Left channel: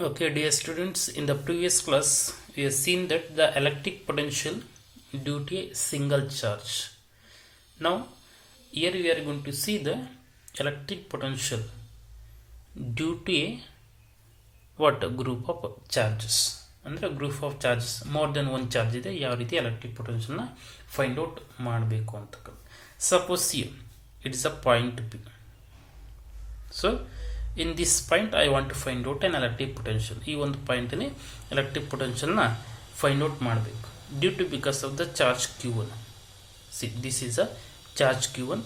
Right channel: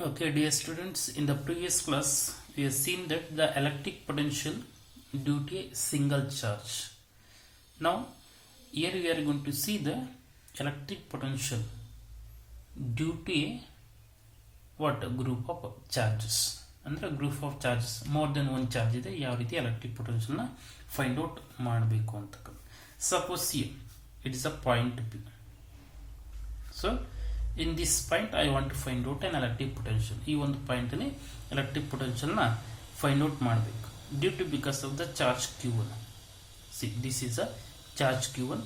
Okay, dear students, in the previous class, we have seen that the electric potential due to a single charge. Now, here we are going to see the electric potential due to a group of charges. ಅಂದರೆ group of charges more than one charge ಇದೆ, ಯಾವ ರೀತಿ ಎಲೆಕ್ಟ್ರಿಕ್ ಪೊಟೆನ್ಷಿಯಲ್ನ find out ಮಾಡಬೇಕು ಅಂತಕ್ಕಂಥ. Suppose it is a point P. So in this point I want to find out an electric potential. ಈ ಒಂದು point ಅಲ್ಲಿ ಎಲೆಕ್ಟ್ರಿಕ್ ಪೊಟೆನ್ಷಿಯಲ್ನ ಫೈಂಡ್ ಔಟ್ ಮಾಡಬೇಕು due to because of the charge q1. See, this is a charge q1.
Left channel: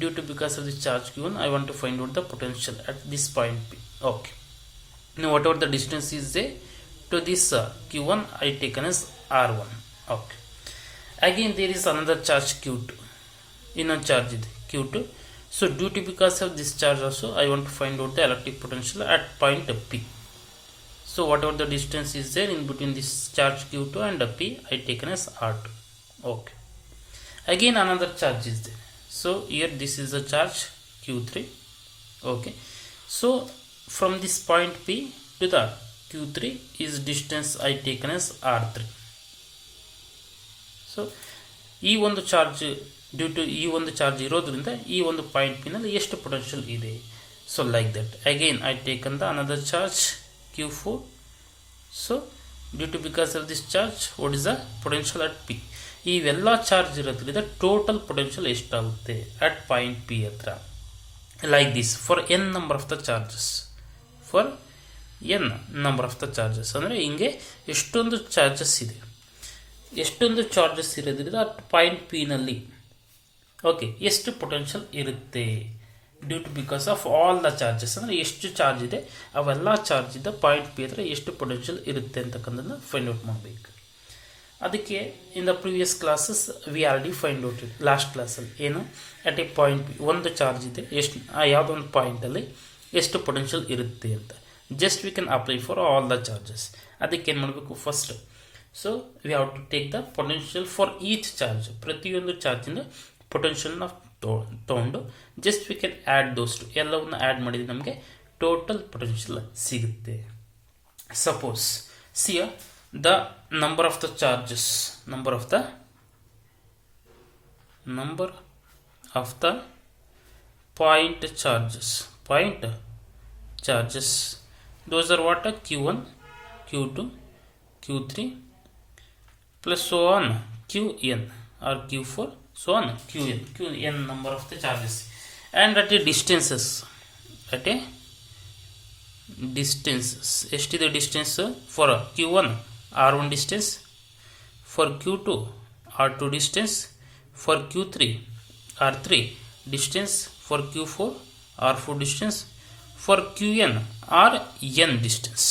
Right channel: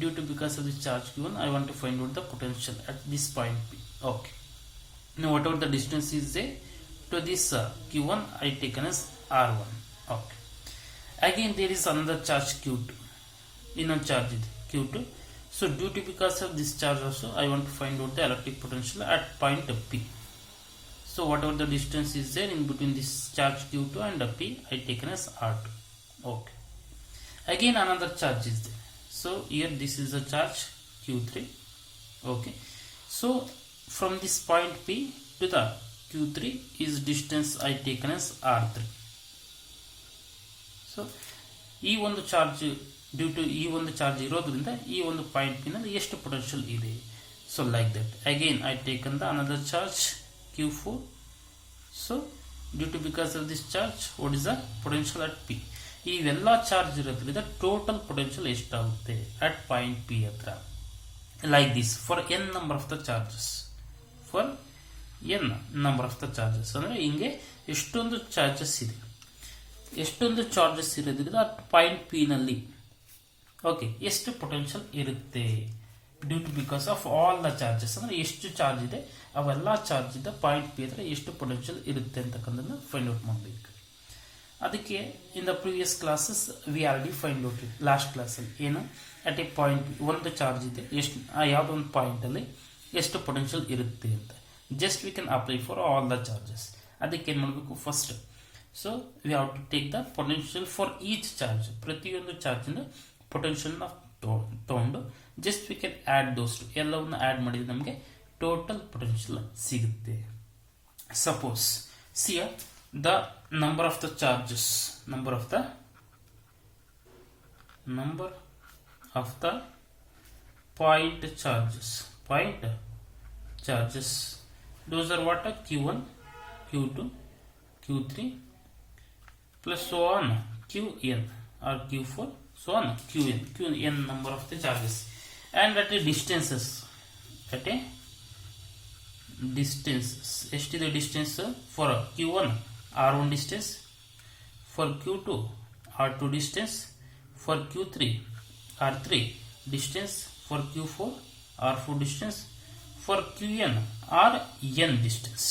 Due to because of the charge q1 I want to find out the potential at this point p. Okay, now whatever the distance is there to this q1 I taken as r1. Okay, again there is another charge q2. ಇನ್ನೊಂದು ಚಾರ್ಜ್ ಇದೆ q2. So due to because of this charge also I want to find out the electric potential at point P. So whatever the distance is there in between this charge q2 and P I taken as r2. Okay, again another charge is there. So here this is a charge q3. Okay, so from this point P to the q3 is distance I taken as r3. So ಈ ಒಂದು charge due to ಈ ಒಂದು charge ಇರೋದ್ರಿಂದ ಈ ಒಂದು ಪಾಯಿಂಟ್ ಪಿನಲ್ಲಿ ಎಷ್ಟು potential ಇದೆ. So like that again I taken the another charge q4. So due to because of this charge what is the potential at P. ಇವೆಲ್ಲ ಚಾರ್ಜ್ ಇರೋದ್ರಿಂದ ಟೋಟಲ್ ಪೊಟೆನ್ಷಿಯಲ್ ಎಷ್ಟಾಗುತ್ತೆ ಅಟ್ ಪಾಯಿಂಟ್ ಪಿ ಹತ್ರ. Like this for N number of the charges. For N number of the charges ಅಂದರೆ ಹಿಂಗೆ ಎಷ್ಟೊಂದು charges ಇದೆ, ಎಷ್ಟೊಂದು charges ಇರೋದ್ರಿಂದ ಅಟ್ ಪಾಯಿಂಟ್ ಪಿ ನಲ್ಲಿ ಓಕೆ ಎಷ್ಟು ಪೊಟೆನ್ಷಿಯಲ್ ಇರುತ್ತೆ due to because of all the charges. ಅಂದರೆ ಎಷ್ಟು ಚಾರ್ಜ್ ಇದೆ ಅವೆಲ್ಲ ಚಾರ್ಜ್ ಇದ್ದ ಪಾಯಿಂಟ್ ಪಿ ಹತ್ರ ಎಷ್ಟು ಪೊಟೆನ್ಷಿಯಲ್ ಇರುತ್ತೆ ಅಂತಕ್ಕಂಥದ್ದನ್ನ ಫೈಂಡ್ ಔಟ್ ಮಾಡಬೇಕು. ಅದಕ್ಕೆ in the previous classes we already find out last ಕ್ಲಾಸಲ್ಲಿ ಏನು ಅಟ್ ಎ ಪಾಯಿಂಟ್ ಪಿ ಒಂದು ಚಾರ್ಜ್ ಇದೆ, ಎಷ್ಟು ಯಾವುದೋ ಒಂದು ಪಾಯಿಂಟಲ್ಲಿ ಎಷ್ಟು ಪೊಟೆನ್ಷಿಯಲ್ ಇರುತ್ತೆ ಅಂತ. Just we can apply for all the charges. ಅದಕ್ಕೆ ಏನು ಮಾಡಬೇಕು first, so we have to take the potential for each charge. ಪ್ರತಿಯೊಂದು ಚಾರ್ಜಿಂದ ಪೊಟೆನ್ಷಿಯಲ್ನ ತೊಗೊಂಡು just we can add those too, ಎಲ್ಲವನ್ನ ಆ್ಯಡ್ ಮಾಡಿದರೆ ನಮಗೆ ಟೋಟಲ್ ಪೊಟೆನ್ಷಿಯಲ್ ಸಿಗುತ್ತೆ. Suppose C the number of the charges, number of the point charges those are what? q1, q2, q3 plus so on qn or q4 so on qn number of the charges, and at a distances ಎಷ್ಟಿದೆ distance for q1 r1 distance, for q2 r2 distance, for q3 r3 distance, for q4 r4 distance, for qn R N distance.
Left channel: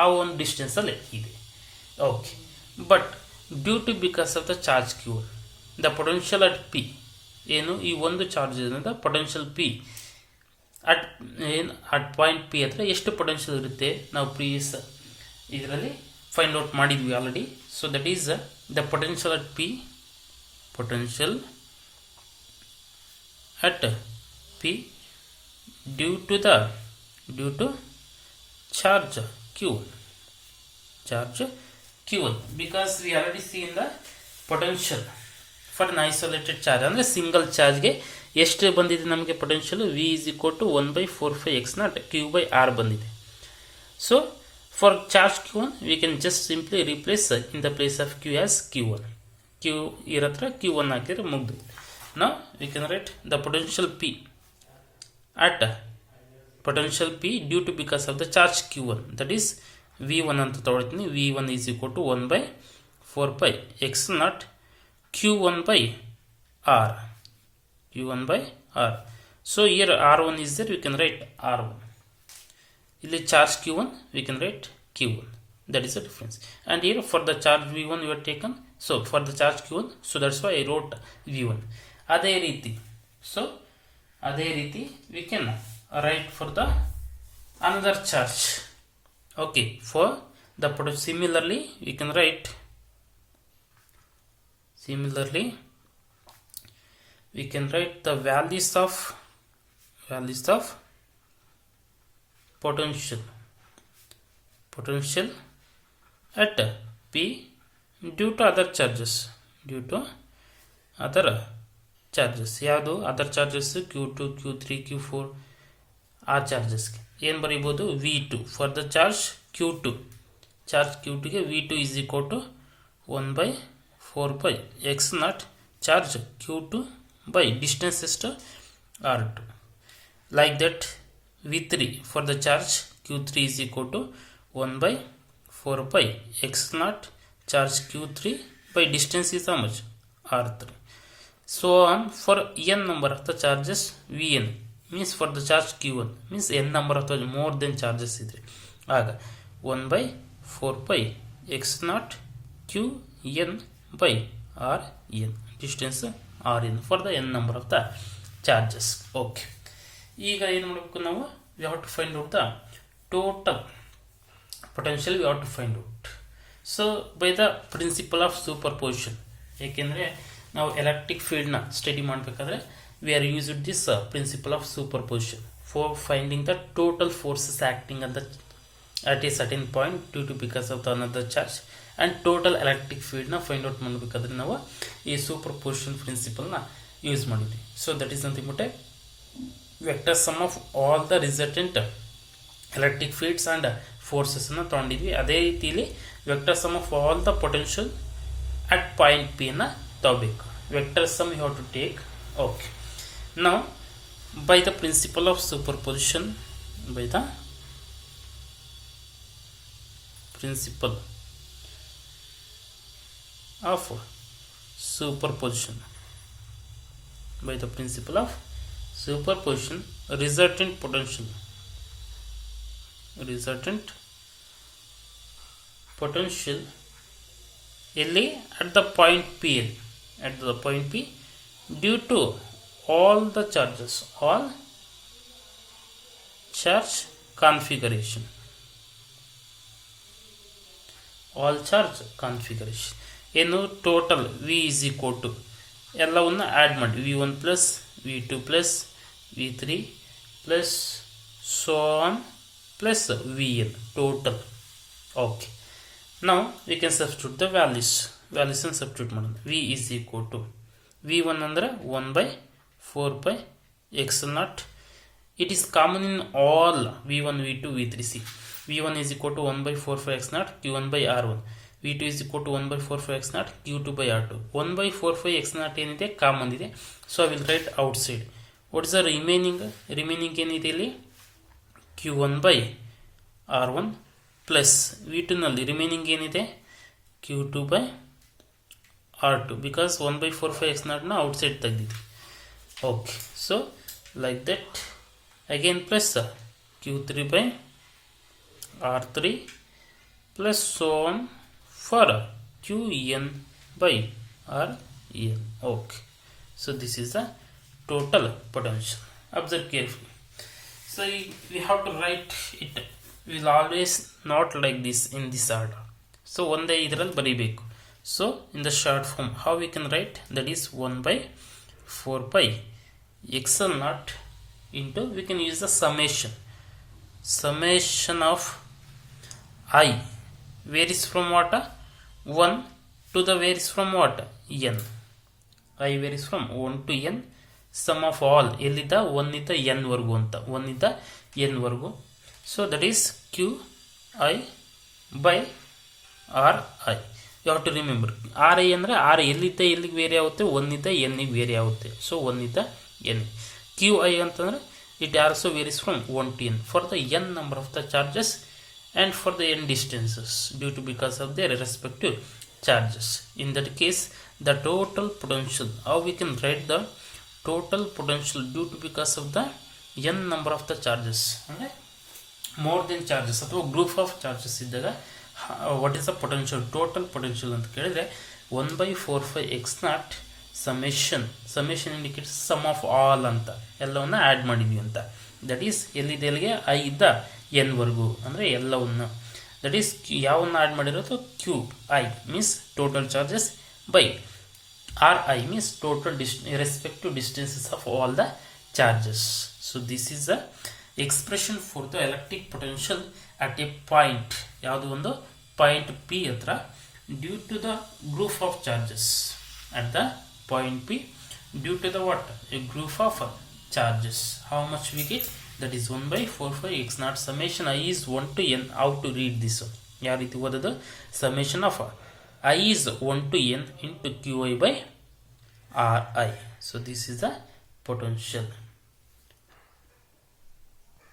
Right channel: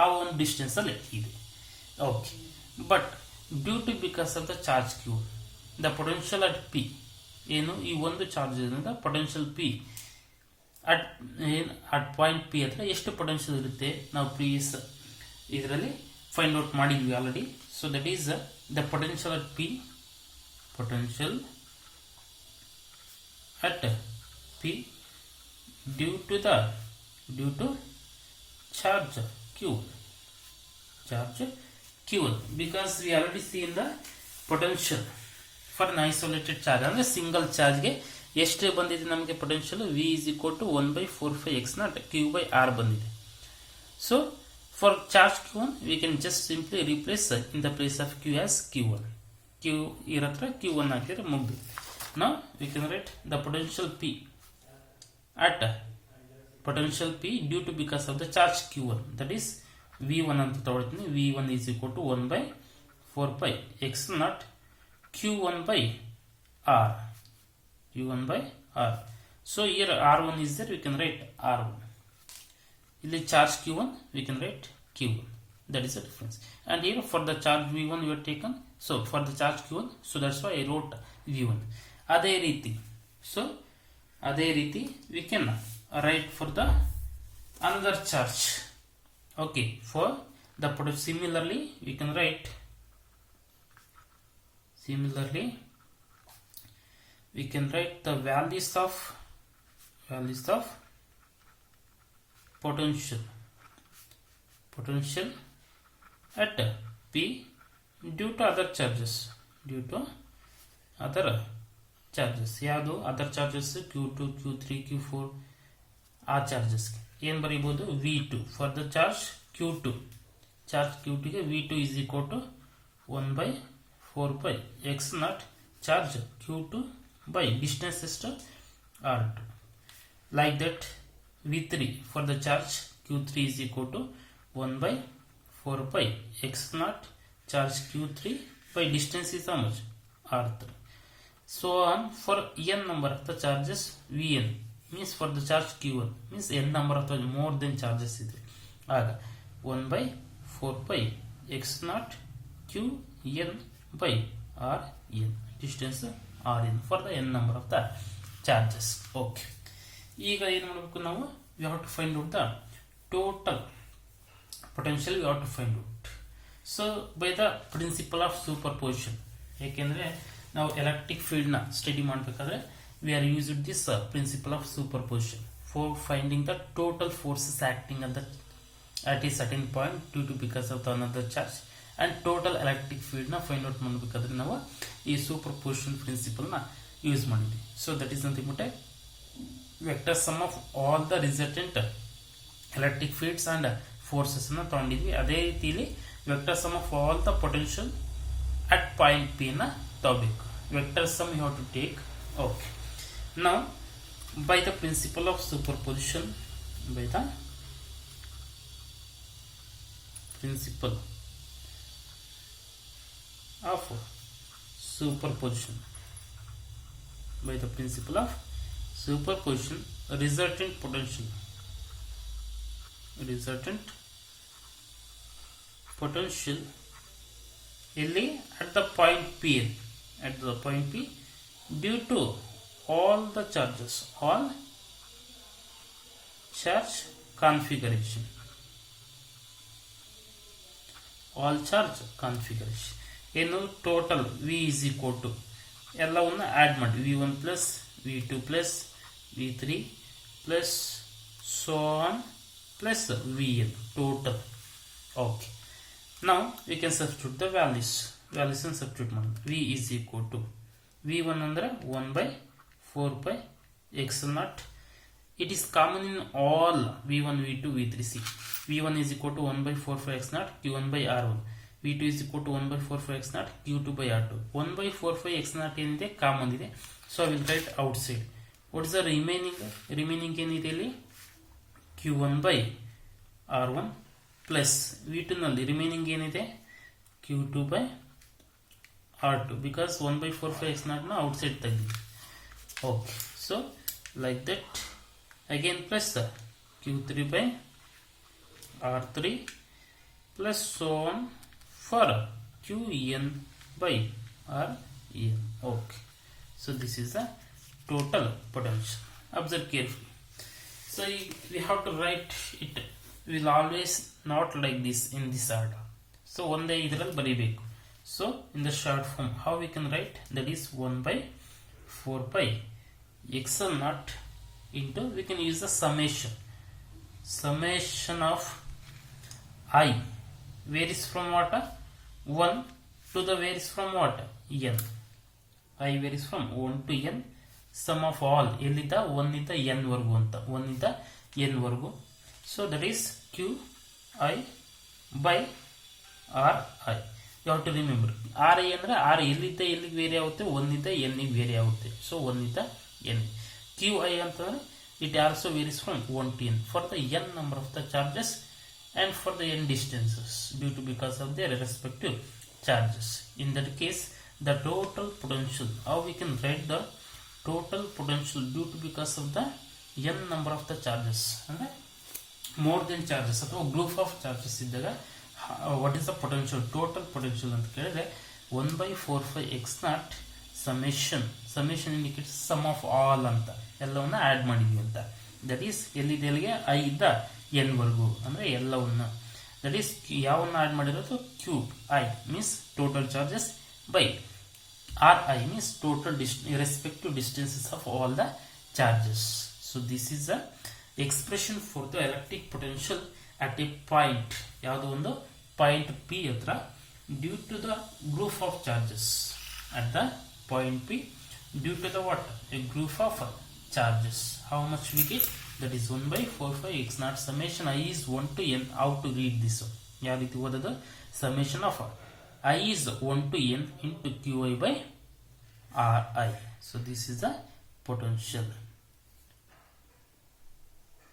ಆ ಒಂದು distance ಅಲ್ಲಿ ಇದೆ. Okay, but due to because of the charge q1 the potential at P ಏನು, ಈ ಒಂದು charge ಇರೋದ್ರಿಂದ potential P at point P ಹತ್ರ ಎಷ್ಟು ಪೊಟೆನ್ಷಿಯಲ್ ಇರುತ್ತೆ ನಾವು ಪ್ರೀವಿಯಸ್ ಇದರಲ್ಲಿ ಫೈಂಡ್ ಔಟ್ ಮಾಡಿದ್ವಿ already. So that is the potential at P, potential at P due to charge q1 because we already seen the potential for an isolated charge. ಅಂದರೆ ಸಿಂಗಲ್ ಚಾರ್ಜ್ಗೆ ಎಷ್ಟು ಬಂದಿದೆ ನಮಗೆ potential v is equal to 1/4πx naught q by r ಬಂದಿದೆ. So for charge q1 we can just simply replace in the place of q as q1. q ಇರತ್ರ q1 ಹಾಕಿದ್ರೆ ಮುಗಿದು. Now we can write the potential p at potential p due to because of the charge q1, that is v1 ಅಂತ ತಗೊಳ್ತೀನಿ. v1 is equal to 1/4πx naught q1 by r. So here r1 is there, we can write r1. ಇಲ್ಲಿ charge q1 we can write q1. That is the difference. And here for the charge v1 we have taken, so for the charge q1, so that's why I wrote v1. ಅದೇ ರೀತಿ we can write for the another charge. Okay, for the similarly we can write the values of potential potential at P due to other charges, due to other charges. ಯಾವುದು other charges Q2 Q3 Q4 ಆ ಚಾರ್ಜಸ್ಗೆ ಏನು ಬರೀಬೋದು V2 for the charge Q2 charge Q2ಗೆ V2 is equal to 1 by 4 pi x naught charge Q2 by distance ಎಷ್ಟು R2. Like that V3 for the charge Q3 is equal to 1 by 4 pi x naught charge Q3 by distance is how much R3. So on for n number of the charges Vn means for the charge Q1 means n number of the more than charges idre aga 1 by 4 pi x naught Qn by Rn distance Rn for the n number of the charges. Okay, ಈಗ ಏನು ಮಾಡಬೇಕು ನಾವು we have to find out the total potential we have to find out. So by the principle of superposition, ಏಕೆಂದರೆ ನಾವು ಎಲೆಕ್ಟ್ರಿಕ್ ಫೀಲ್ಡ್ನ ಸ್ಟಡಿ ಮಾಡಬೇಕಾದ್ರೆ we are using this principle of superposition for finding the total forces acting at a certain point due to because of the another charge and total electric field na find out ಮಾಡಬೇಕಾದ್ರೆ ನಾವು ಈ superposition principle ನ ಯೂಸ್ ಮಾಡಿದ್ವಿ. So that is nothing but a vector sum of all the resultant electric fields and forces ನ ತಗೊಂಡಿದ್ವಿ. ಅದೇ ರೀತಿಯಲ್ಲಿ vector sum of all the potential at point P ನ ತಗೋಬೇಕು. Vector sum you have to take. Okay, now by the principle of superposition, by the principle of superposition, by the principle of superposition, resultant potential ಇಲ್ಲಿ at the point P, at the point P due to all the charges, all charge configuration, all charge configuration ಏನು total V is equal to ಎಲ್ಲವನ್ನು ಆ್ಯಡ್ ಮಾಡಿ V1 plus V2 plus V3 plus so on plus Vn total. Okay, now we can substitute the values and substitute ಮಾಡೋಣ. V is equal to V1 ಅಂದರೆ 1 by 4 pi x naught. It is common in all V1 V2 V3. C V1 is equal to 1 by 4 pi x naught Q1 by R1. V2 is equal to 1 by 4 pi x naught Q2 by R2. 1 by 4 pi x naught ಏನಿದೆ ಕಾಮನ್ ಇದೆ. So I will write outside. What is the remaining ಏನಿದೆ ಇಲ್ಲಿ Q1 by R1 plus V2 ನಲ್ಲಿ ರಿಮೈನಿಂಗ್ ಏನಿದೆ Q2 by R2 because 1 by 4 pi x naught ನ ಔಟ್ಸೈಡ್ ತೆಗೆದಿದೆ. Okay, so like that again plus Q3 by R3 plus so on for Qn by Rn. Okay, so this is the total potential. Observe carefully. So we have to write it. We will always not like this in this order. So ಒಂದೇ ಇದರಲ್ಲಿ ಬರೀಬೇಕು. So in the short form how we can write, that is 1 by 4 pi xl naught into, we can use the summation of I varies from what 1 to the varies from what n. I varies from 1 to n, sum of all ಎಲ್ಲಿಂದ 1 ಇಂದ n ವರೆಗೂ ಅಂತ 1 ಇಂದ n ವರೆಗೂ. So that is Qi by Ri. You have to remember Ri ಅಂದರೆ R ಎಲ್ಲಿಂದ ಎಲ್ಲಿಗೆ ವೇರಿ ಆಗುತ್ತೆ 1 ಇಂದ n ಗೆ ವೇರಿ ಆಗುತ್ತೆ. ಸೊ 1 ಇಂದ n. Qi ಅಂತಂದ್ರೆ it also varies from 1 to n for the n number of the charges and for the n distances due to because of their respective charges. In that case the total potential, how we can write the total potential due to because of the n number of the charges, okay? More than charges ಅಥವಾ group of charges ಇದ್ದಾಗ what is the potential, total potential ಅಂತ ಕೇಳಿದ್ರೆ 1 by 4 pi x naught summation indicates sum of all ಅಂತ ಎಲ್ಲವನ್ನ ಆ್ಯಡ್ ಮಾಡಿದ್ವಿ ಅಂತ. That is ಎಲ್ಲಿದೆ ಎಲ್ಲಿಗೆ ಐ ಇದ್ದ ಎನ್ ವರ್ಗು ಅಂದರೆ ಎಲ್ಲವನ್ನು. ದಟ್ ಈಸ್ ಯಾವನ್ನ ಆ್ಯಡ್ ಮಾಡಿರೋದು Q I means total charges by R I means total respective distances of all the charges. So this is the expression for the electric potential at a point ಯಾವುದು ಒಂದು point P ಹತ್ರ due to the group of charges at the point P due to the what? A group of charges. How much we get? That is 1 by 4 x naught summation I is 1 to n. How to read this? ಯಾವ ರೀತಿ ಓದೋದು? Summation of I is 1 to n into qi by ri. So this is the potential.